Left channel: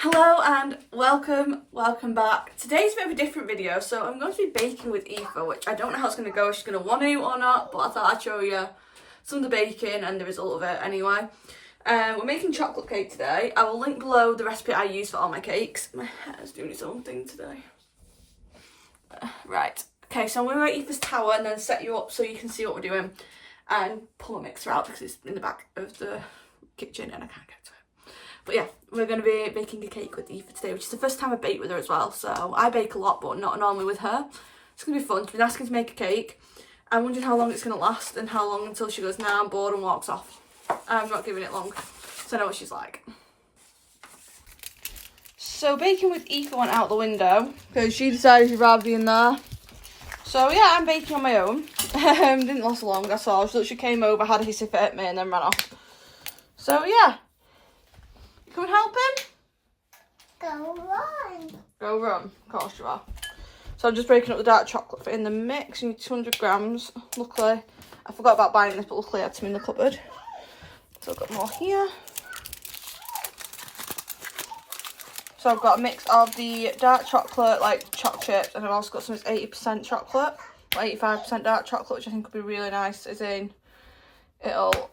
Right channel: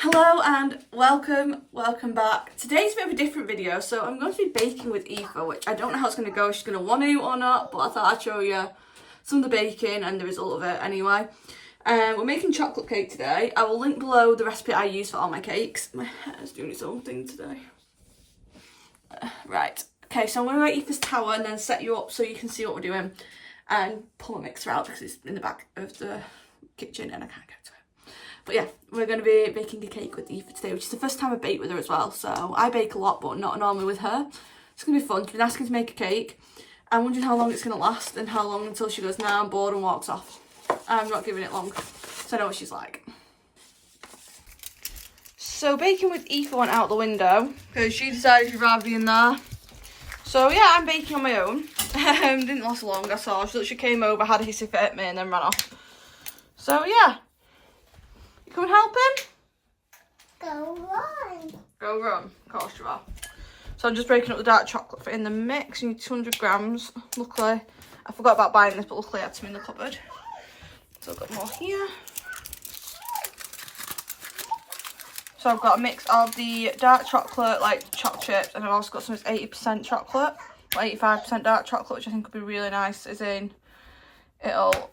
Hello and welcome back. Today's a bit of a different video, so I'm going to be baking with Aoife, which I don't know how it's going to go, if she's going to want to or not, but I thought I'd show you some of the baking and the result of it anyway. We're making chocolate cake today. I will link below the recipe I use for all my cakes. My hair's doing its own thing today. Right, okay, so I'm going to go Aoife's tower and then set you up so you can see what we're doing and pull a mixer out because it's in the back of the kitchen and I can't get to it. But yeah, we're going to be baking a cake with Aoife today, which is the first time I bake with her as well. So I bake a lot, but not normally with her. It's going to be fun. She's been asking to make a cake. I'm wondering how long it's going to last and how long until she goes, nah, I'm bored and walks off. I'm not giving it long, so I know what she's like. So baking with Aoife went out the window because she decided she'd rather be in there. So yeah, I'm baking on my own. Didn't last long, I saw. She literally came over, had a hissy fit at me and then ran off. So yeah. Come and help him? Go run. Go run, of course you are. So I'm just breaking up the dark chocolate for in the mix. You need 200 grams. Luckily, I forgot about buying this, but luckily I had some in the cupboard. So I've got more here. So I've got a mix of the dark chocolate, like chocolate chips, and I've also got some 80% chocolate, or 85% dark chocolate, which I think would be really nice, as in, it'll,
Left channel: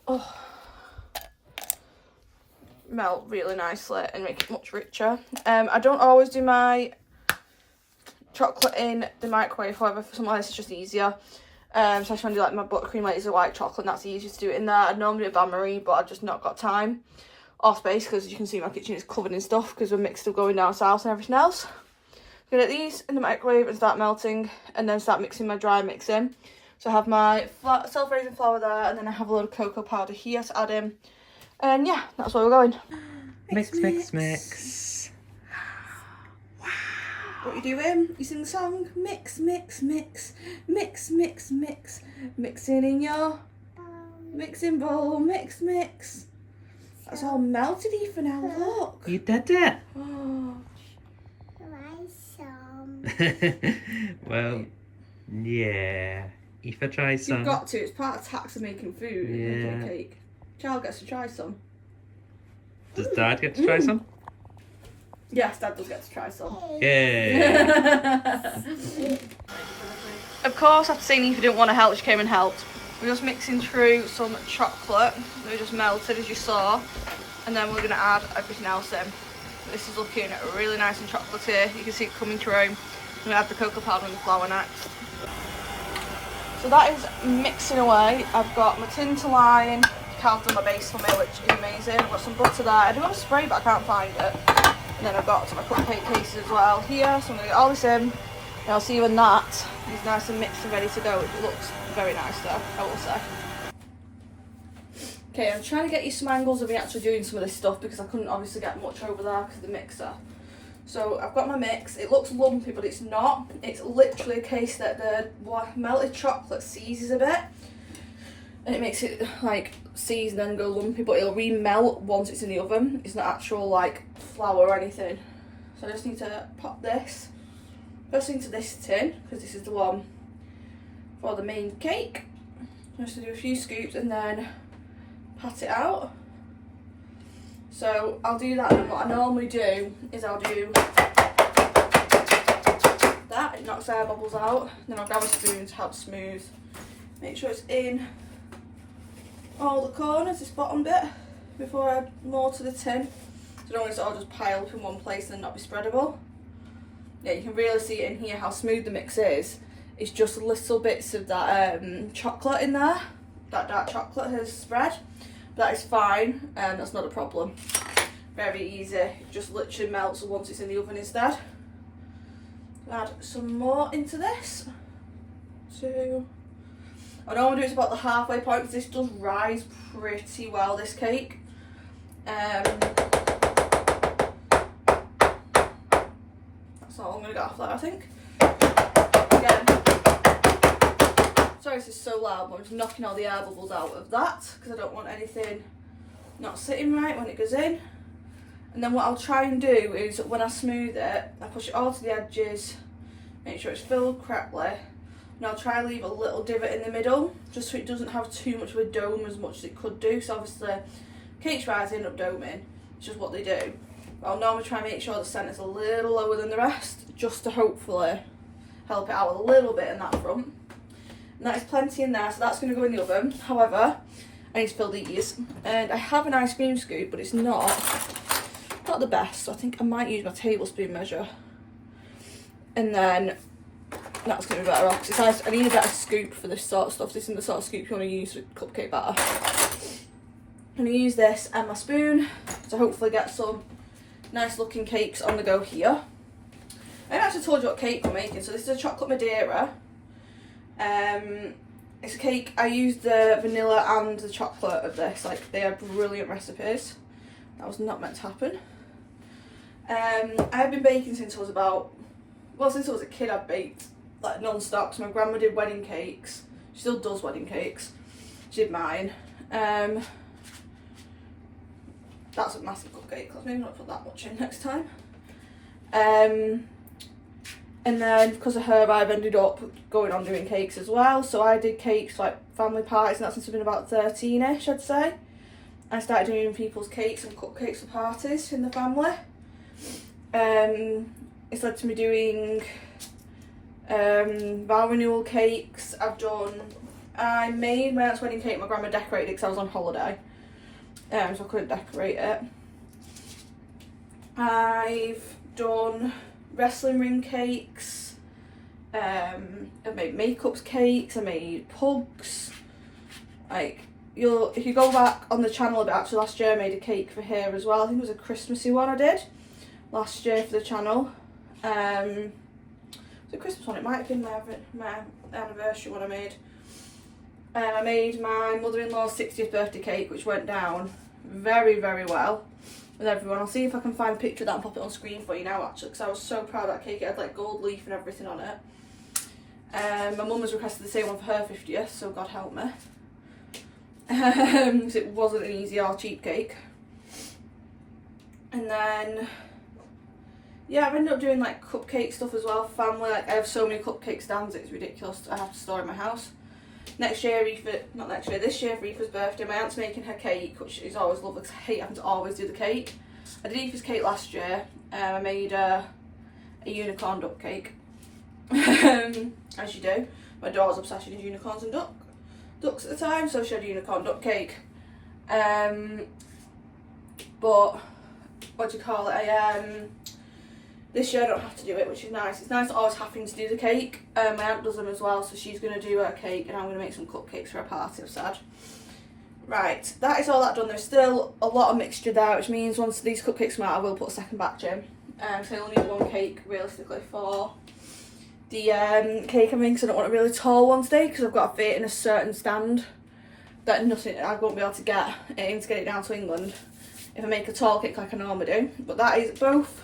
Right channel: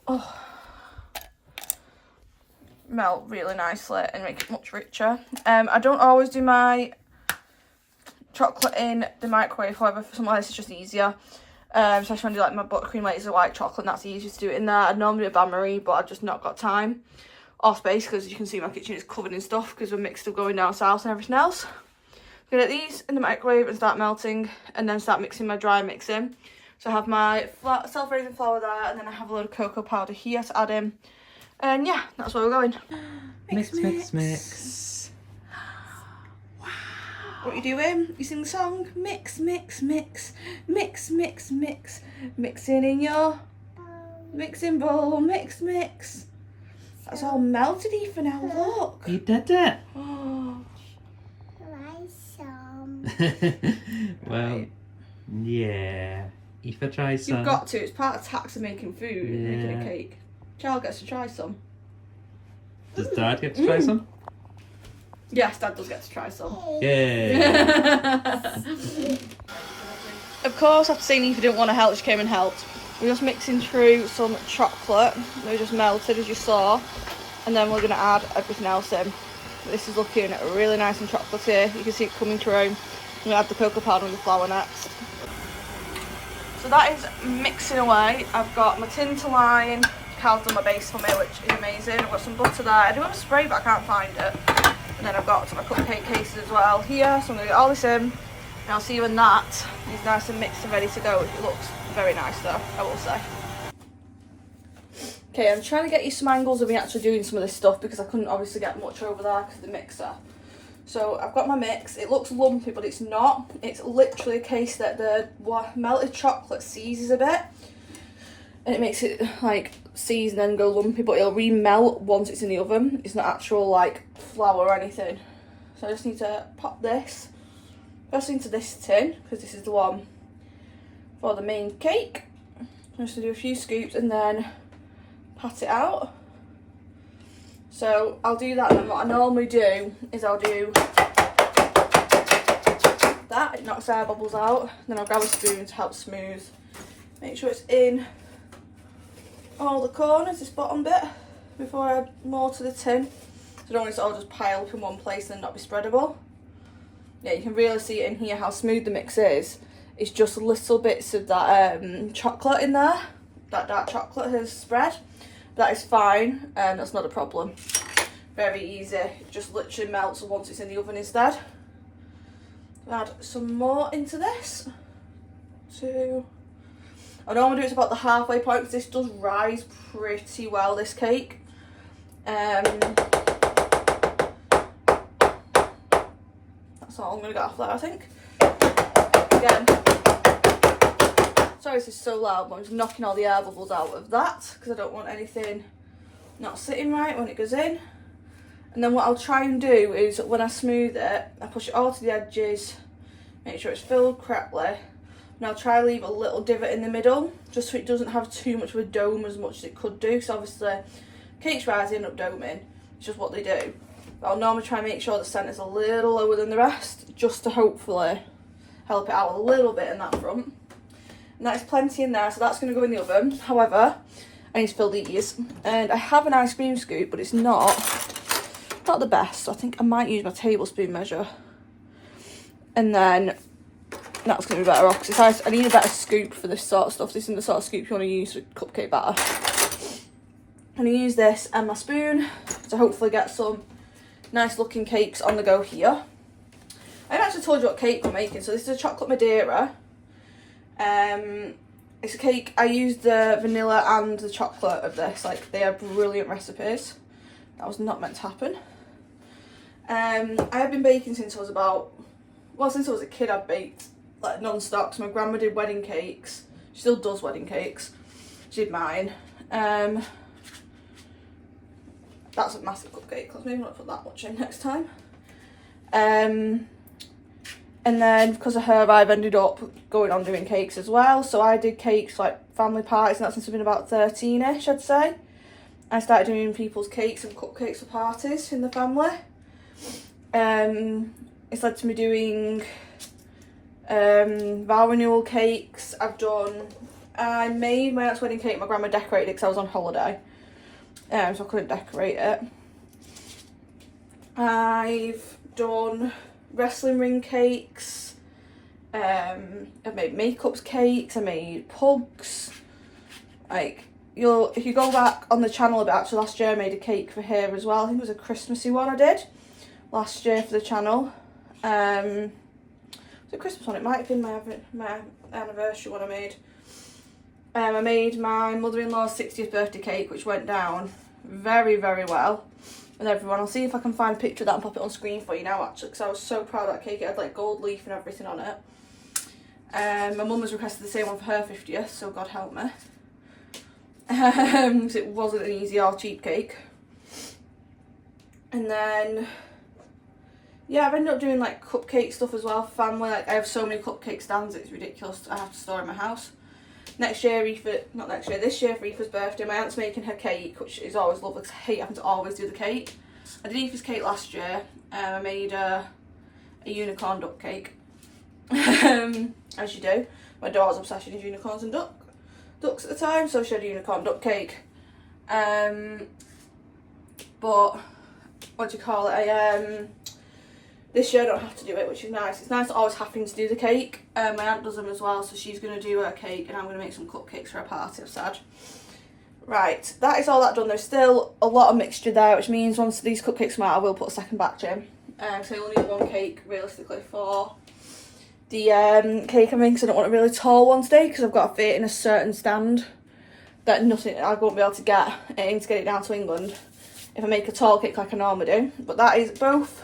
melt really nicely and make it much richer. I don't always do my chocolate in the microwave, however for something like this it's just easier, especially when I do like my buttercream later white chocolate, and that's easier to do it in there. I'd normally do a bain-marie, but I've just not got time or space because you can see my kitchen is covered in stuff because we're mixed up going down south and everything else. I'm gonna get these in the microwave and start melting and then start mixing my dry mix in. So I have my self-raising flour there, and then I have a load of cocoa powder here to add in. And yeah, that's where we're going. Mix. Wow. What are you doing? You sing the song? Mix. Mixing in your mixing bowl. Mix. That's all melted, Aoife, now look. You did it. Oh. Well, yeah. Aoife, try some. You've got to. It's part of tax of making food, making a cake. Child gets to try some. Does Dad get to try some? Yes, Dad does get to try some. Yay! Of course, after saying if you didn't want to help, she came and helped. We're just mixing through some chocolate. We just melted, as you saw, and then we're going to add everything else in. This is looking really nice and chocolatey. You can see it coming through. I'm going to add the cocoa powder and the flour next. So that is mixing away. I've got my tin to line. Cal's done my base for me, which is amazing. I've got some butter there. I do have a spray, but I can't find it. And then I've got some of my cupcake cases as well here. So I'm going to get all this in. And I'll see you when that is nice and mixed and ready to go. It looks very nice though, I will say. Okay, I'm trying to get you some angles of me actually doing some of this stuff because I couldn't obviously get much over there because of the mixer. So I've got my mix. It looks lumpy, but it's not. It's literally a case that the melted chocolate seizes a bit. And it makes it like seize and then go lumpy, but it'll re-melt once it's in the oven. It's not actual like flour or anything. So I just need to pop this first into this tin because this is the one for the main cake. Just to do a few scoops and then pat it out. So I'll do that, and what I normally do is I'll do that, it knocks air bubbles out, then I'll grab a spoon to help smooth. Make sure it's in all the corners, this bottom bit, before I add more to the tin. So I don't want it to all just pile up in one place and not be spreadable. Yeah, you can really see it in here how smooth the mix is. It's just little bits of that chocolate in there. That dark chocolate has spread. That is fine, and that's not a problem. Very easy, it just literally melts once it's in the oven instead. Add some more into this. I don't want to do it about the halfway point because this does rise pretty well, this cake. That's all I'm going to get off there, I think. Again, sorry this is so loud, but I'm just knocking all the air bubbles out of that because I don't want anything not sitting right when it goes in. And then what I'll try and do is when I smooth it, I push it all to the edges, make sure it's filled correctly. And I'll try and leave a little divot in the middle, just so it doesn't have too much of a dome as much as it could do. So obviously, cakes rise, they end up doming. It's just what they do. I'll normally try and make sure the centre's a little lower than the rest, just to hopefully help it out a little bit in that front. And that is plenty in there, so that's going to go in the oven. However, I need to fill these. And I have an ice cream scoop, but it's not the best. So I think I might use my tablespoon measure. And then that's going to be better off, because I need a better scoop for this sort of stuff. This isn't the sort of scoop you want to use for cupcake batter. I'm going to use this and my spoon to hopefully get some nice looking cakes on the go here. I haven't actually told you what cake we're making. So this is a chocolate Madeira. It's a cake, I used the vanilla and the chocolate of this. Like, they are brilliant recipes. That was not meant to happen. I have been baking since I was since I was a kid. I've baked like non-stop. So my grandma did wedding cakes. She still does wedding cakes. She did mine. That's a massive cupcake. Let's maybe not put that much in next time. And then because of her, I've ended up going on doing cakes as well. So I did cakes like family parties, and that's since I've been about 13ish, I'd say. I started doing people's cakes and cupcakes for parties in the family. It's led to me doing vow renewal cakes. I made my aunt's wedding cake. My grandma decorated it because I was on holiday. So I couldn't decorate it. I've done wrestling ring cakes. I've made makeups cakes. I made pugs. Like, if you go back on the channel a bit, actually last year I made a cake for here as well. I think it was a Christmassy one I did last year for the channel. It was a Christmas one. It might have been my anniversary one I made. I made my mother-in-law's 60th birthday cake, which went down very, very well with everyone. I'll see if I can find a picture of that and pop it on screen for you now, actually, because I was so proud of that cake. It had like gold leaf and everything on it. My mum has requested the same one for her 50th, so God help me. So it wasn't an easy or cheap cake. And then, yeah, I've ended up doing like cupcake stuff as well, family. Like, I have so many cupcake stands, it's ridiculous. I have to store in my house. This year for Aoife's birthday, my aunt's making her cake, which is always lovely because I hate having to always do the cake. I did Aoife's cake last year. I made a unicorn duck cake, as you do. My daughter's obsession is unicorns and ducks at the time, so she had a unicorn duck cake. But what do you call it? This year I don't have to do it, which is nice. It's nice always having to do the cake. My aunt does them as well, so she's going to do her cake and I'm going to make some cupcakes for her party, I've said. Right, that is all that done. There's still a lot of mixture there, which means once these cupcakes come out, I will put a second batch in. So I only need one cake, realistically, for the cake I'm making, because I don't want a really tall one today, because I've got to fit in a certain stand that I won't be able to get in to get it down to England if I make a tall cake like I normally do. But that is both.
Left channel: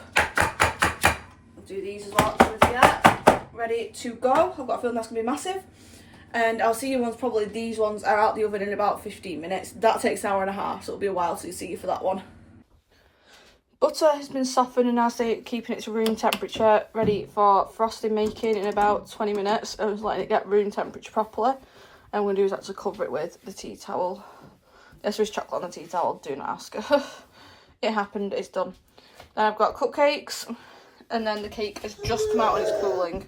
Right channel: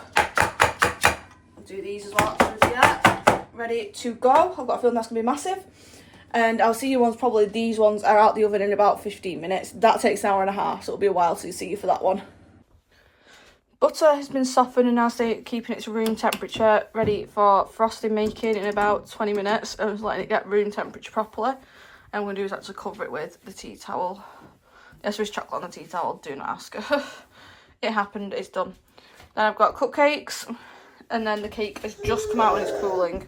Do these as well, ready to go. I've got a feeling that's going to be massive. And I'll see you once probably these ones are out the oven in about 15 minutes. That takes an hour and a half, so it'll be a while to see you for that one. Butter has been softened and now keeping its room temperature, ready for frosting making in about 20 minutes. I'm just letting it get room temperature properly. And what I'm going to do is actually cover it with the tea towel. Yes, there is chocolate on the tea towel, do not ask. It happened, it's done. Then I've got cupcakes. And then the cake has just come out and it's cooling.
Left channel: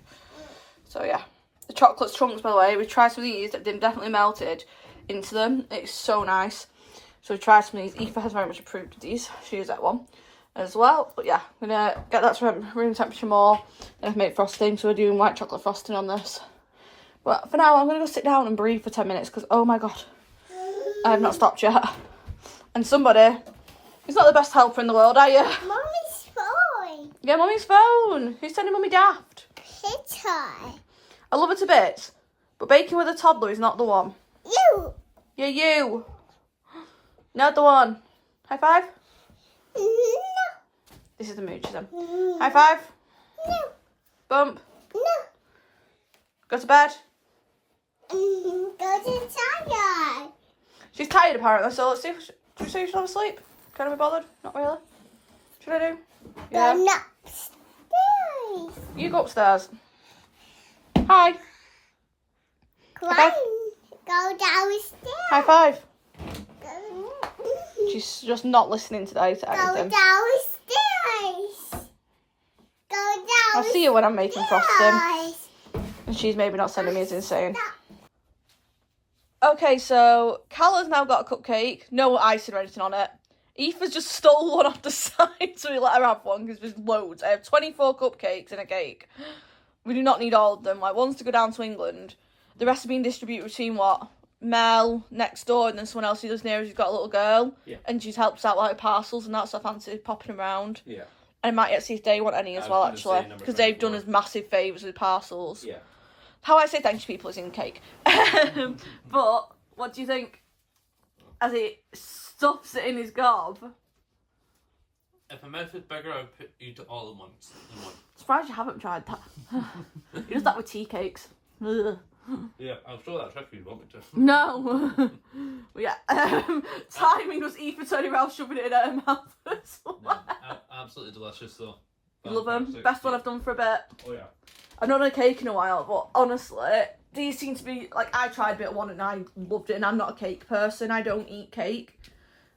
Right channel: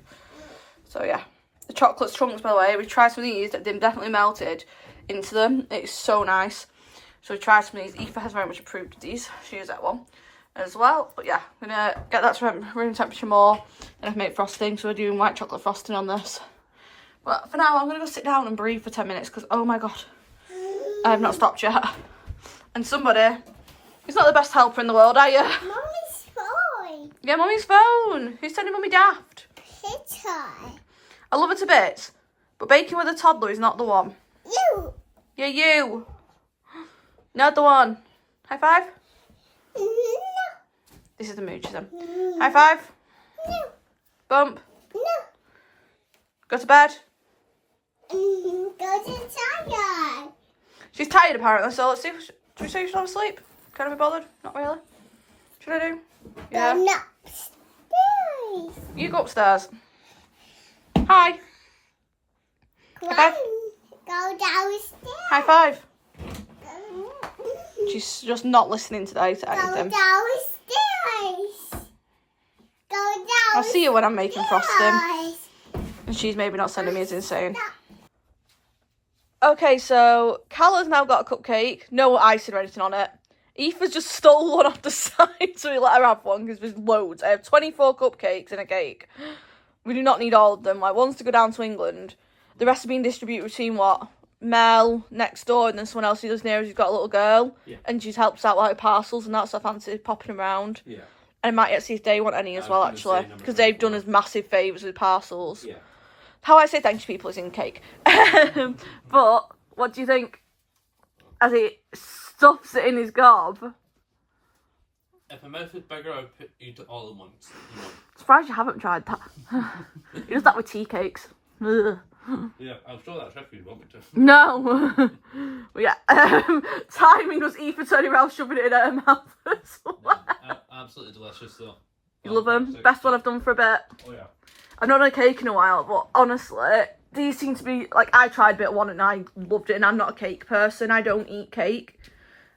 So yeah, the chocolate chunks, by the way, we tried some of these that definitely melted into them. It's so nice. So we tried some of these. Aoife has very much approved of these. She used that one as well. But yeah, I'm gonna get that to room temperature more. And I've made frosting, so we're doing white chocolate frosting on this. But for now, I'm gonna go sit down and breathe for 10 minutes because, oh my God, I have not stopped yet. And somebody, he's not the best helper in the world, are you? Mommy's phone. Yeah, Mummy's phone. Who's sending Mummy daft? Hit her. I love her to bits, but baking with a toddler is not the one. You. Yeah, you. Not the one. High five? No. This is the mooch of them. High five? No. Bump? No. Go to bed? Go to tired. She's tired apparently, so let's see if she's not asleep. Can I be bothered? Not really. Should I do? Yeah. Go upstairs. You go upstairs. Hi. Climb. Go downstairs. High five. She's just not listening today to Go anything. downstairs. I'll see you when I'm making frosting. Yes. And she's maybe not sending me as insane. Okay, so Calla's now got a cupcake. No icing or anything on it. Aoife's just stole one off the side, so we let her have one because there's loads. I have 24 cupcakes in a cake. We do not need all of them. Like, one's to go down to England. The rest are being distributed between what? Mel next door, and then someone else who lives near us who's got a little girl. Yeah. And she's helps out like parcels and that, so I fancy popping them around. Yeah. And I might yet see if they want any as well, actually, because they've done us massive favours with parcels. Yeah. How I say thank you to people is in cake. But what do you think as he stuffs it in his gob? If my mouth was bigger, I'd put you to all at once. Surprised you haven't tried that. He does that with tea cakes. Ugh. Yeah, I'll show that trick if you want me to. No. But yeah, timing was Aoife turning around shoving it in her mouth as well. Absolutely delicious though. You love them? Best one I've done for a bit. Oh yeah. I've not done a cake in a while, but honestly, these seem to be, like, I tried bit one and I loved it, and I'm not a cake person. I don't eat cake.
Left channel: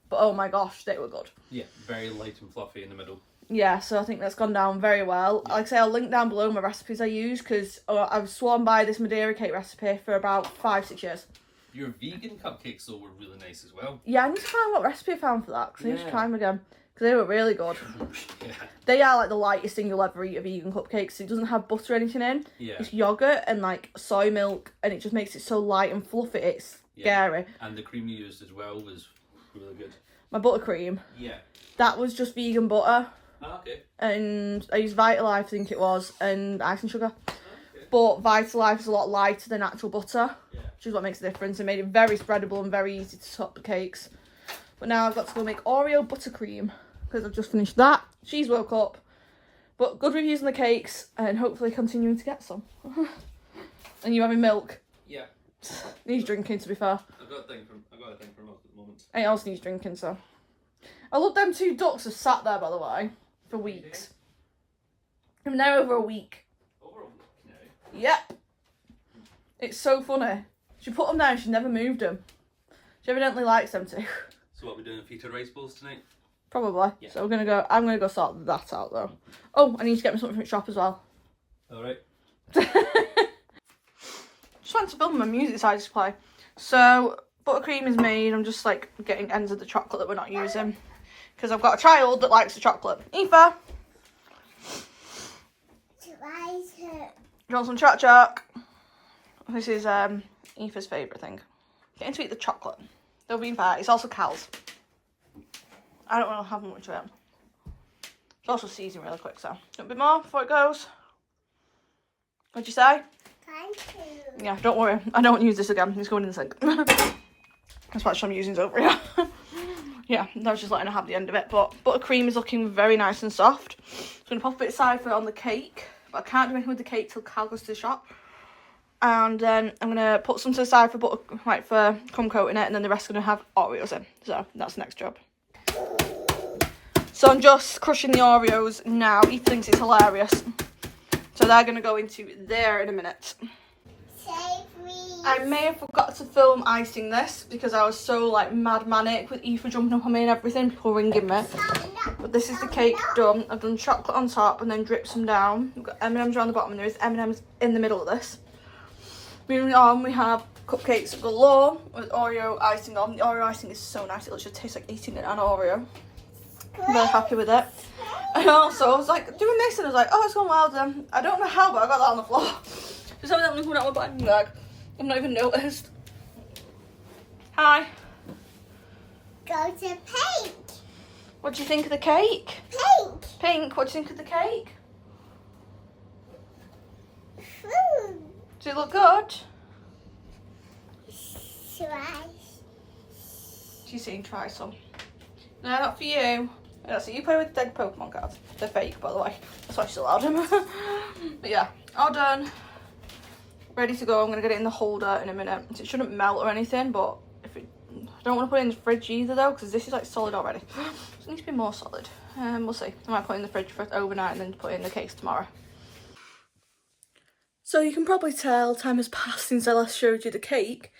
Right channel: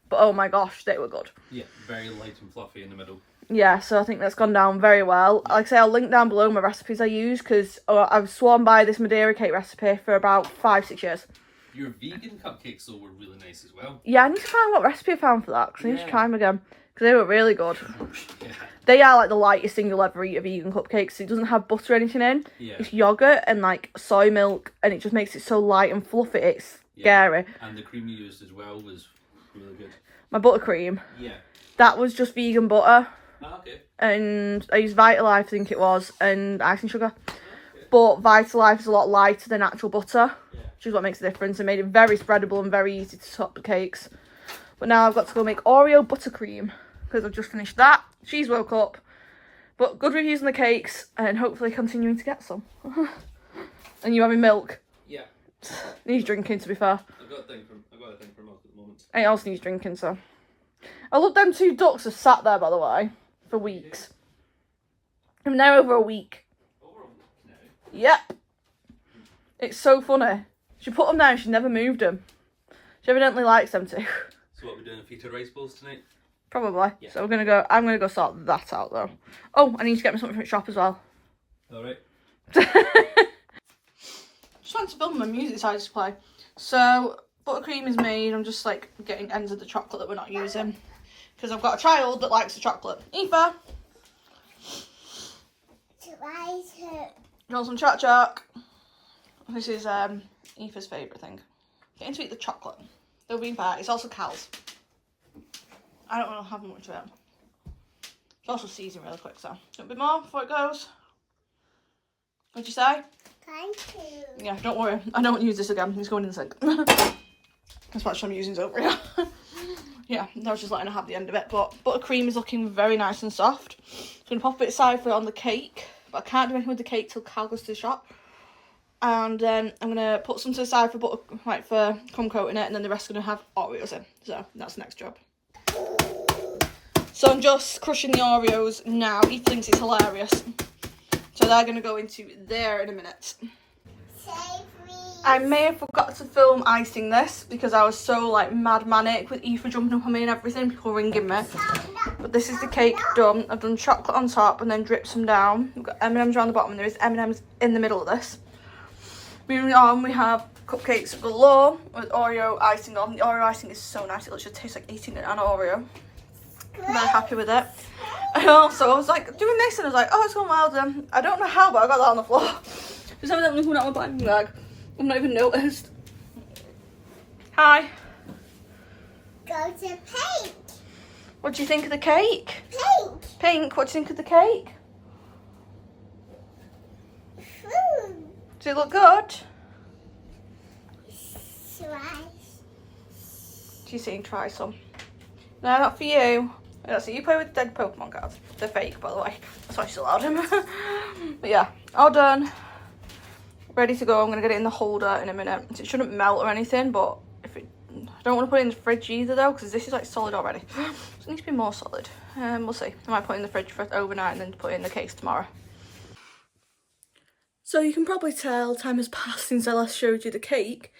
But oh my gosh, they were good. Yeah, very light and fluffy in the middle. Yeah, so I think that's gone down very well. Like I say, I'll link down below my recipes I use, because I've sworn by this Madeira cake recipe for about 5-6 years. Your vegan cupcakes though were really nice as well. Yeah, I need to find what recipe I found for that, because I need to Yeah. try them again. Because they were really good. Yeah. They are like the lightest thing you'll ever eat of vegan cupcakes. It doesn't have butter or anything in. Yeah. It's yogurt and like soy milk, and it just makes it so light and fluffy. It's scary. And the cream you used as well was really good. My buttercream, Yeah. that was just vegan butter. Ah, okay. And I used Vitalife, I think it was, and icing sugar. Okay. But Vitalife is a lot lighter than actual butter, Yeah. which is what makes a difference. It made it very spreadable and very easy to top the cakes. But now I've got to go make Oreo buttercream, because I've just finished that. She's woke up. But good reviews on the cakes, and hopefully continuing to get some. And you having milk? Yeah. Needs drinking, to be fair. I've got a thing for milk at the moment. Anything else needs drinking, so. I love them two ducks have sat there, by the way, for weeks. I'm there over a week. Over a week now. Yep. It's so funny. She put them there and she never moved them. She evidently likes them too. So what are we doing? Feta rice bowls tonight? Probably. Yeah. So I'm gonna go sort that out though. Oh, I need to get me something from the shop as well. Alright. Just wanted to film my music so I just play. So buttercream is made. I'm just like getting ends of the chocolate that we're not using, because I've got a child that likes the chocolate. Aoife, you want some choc choc? This is Aoife's favourite thing. Getting to eat the chocolate. They'll be fair. It's also Cal's. I don't want to have much of it. It's also seasoned really quick, so a bit more before it goes. What'd you say? Thank you. Yeah, don't worry. I don't use this again. It's going in the sink. That's what I'm using is over here. Yeah, I was just letting her have the end of it. But buttercream is looking very nice and soft. I'm going to pop it aside for on the cake. But I can't do anything with the cake till Cal goes to the shop. And then I'm going to put some to the side for butter, like for crumb coating it. And then the rest are going to have Oreos in. So that's the next job. So I'm just crushing the Oreos now. He thinks it's hilarious. So they're going to go into there in a minute. Save me. I may have forgot to film icing this because I was so like mad manic with Aoife jumping up on me and everything, people ringing me. But this is the cake done. I've done chocolate on top and then dripped some down. We've got M&Ms around the bottom and there is M&Ms in the middle of this. Moving on, we have cupcakes galore with Oreo icing on. The Oreo icing is so nice. It just tastes like eating an Oreo. I'm very happy with it. And also, I was like doing this and I was like, oh, it's gone well done. I don't know how, but I got that on the floor. Just evidently coming out of my bag. I've not even noticed. Hi. Go to pink. What do you think of the cake? Pink. Pink, what do you think of the cake? Food. Does it look good? Slice. She's saying try some. No, not for you. That's it. You play with dead Pokemon cards. They're fake, by the way. That's why she's allowed him. But yeah, all done. Ready to go. I'm going to get it in the holder in a minute. It shouldn't melt or anything, but if it, I don't want to put it in the fridge either though, because this is like solid already. So it needs to be more solid. We'll see. I might put it in the fridge for overnight and then put it in the case tomorrow. So you can probably tell time has passed since I last showed you the cake.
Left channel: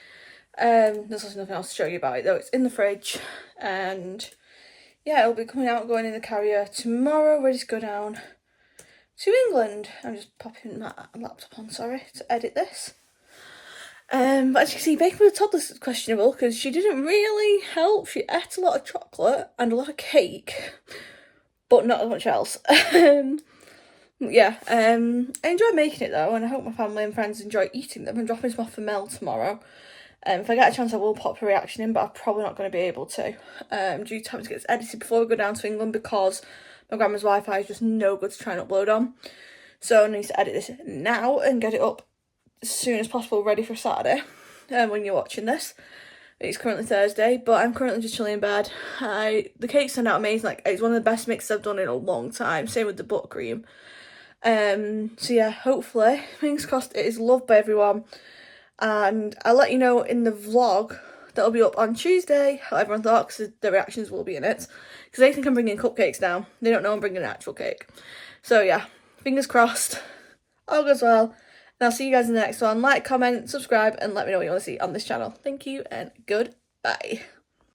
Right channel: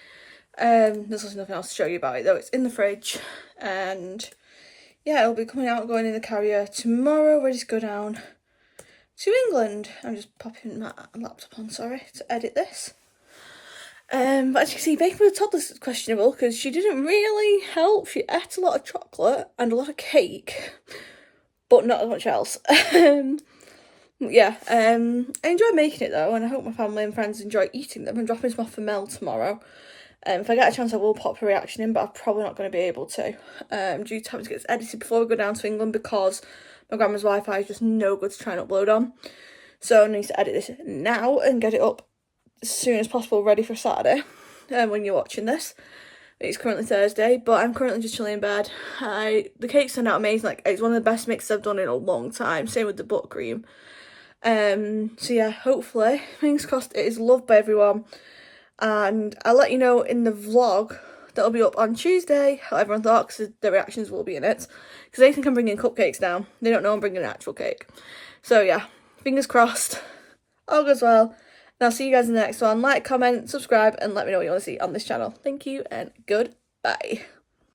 There's nothing else to show you about it though. It's in the fridge and yeah, it'll be coming out and going in the carrier tomorrow, ready to go down to England. I'm just popping my laptop on, sorry, to edit this. But as you can see, baking with a toddler is questionable because she didn't really help. She ate a lot of chocolate and a lot of cake, but not as much else. Yeah, I enjoyed making it though, and I hope my family and friends enjoy eating them. I'm dropping some off for Mel tomorrow. If I get a chance, I will pop a reaction in, but I'm probably not going to be able to, due to having to get this edited before we go down to England because my grandma's Wi-Fi is just no good to try and upload on. So I need to edit this now and get it up as soon as possible, ready for Saturday, when you're watching this. It's currently Thursday, but I'm currently just chilling in bed. The cake turned out amazing. Like, it's one of the best mixes I've done in a long time. Same with the buttercream. So yeah, hopefully, fingers crossed, it is loved by everyone. And I'll let you know in the vlog that'll be up on Tuesday how everyone thought, because the reactions will be in it. Because they think I'm bringing cupcakes now. They don't know I'm bringing an actual cake. So yeah, fingers crossed, all goes well. And I'll see you guys in the next one. Like, comment, subscribe, and let me know what you want to see on this channel. Thank you, and goodbye.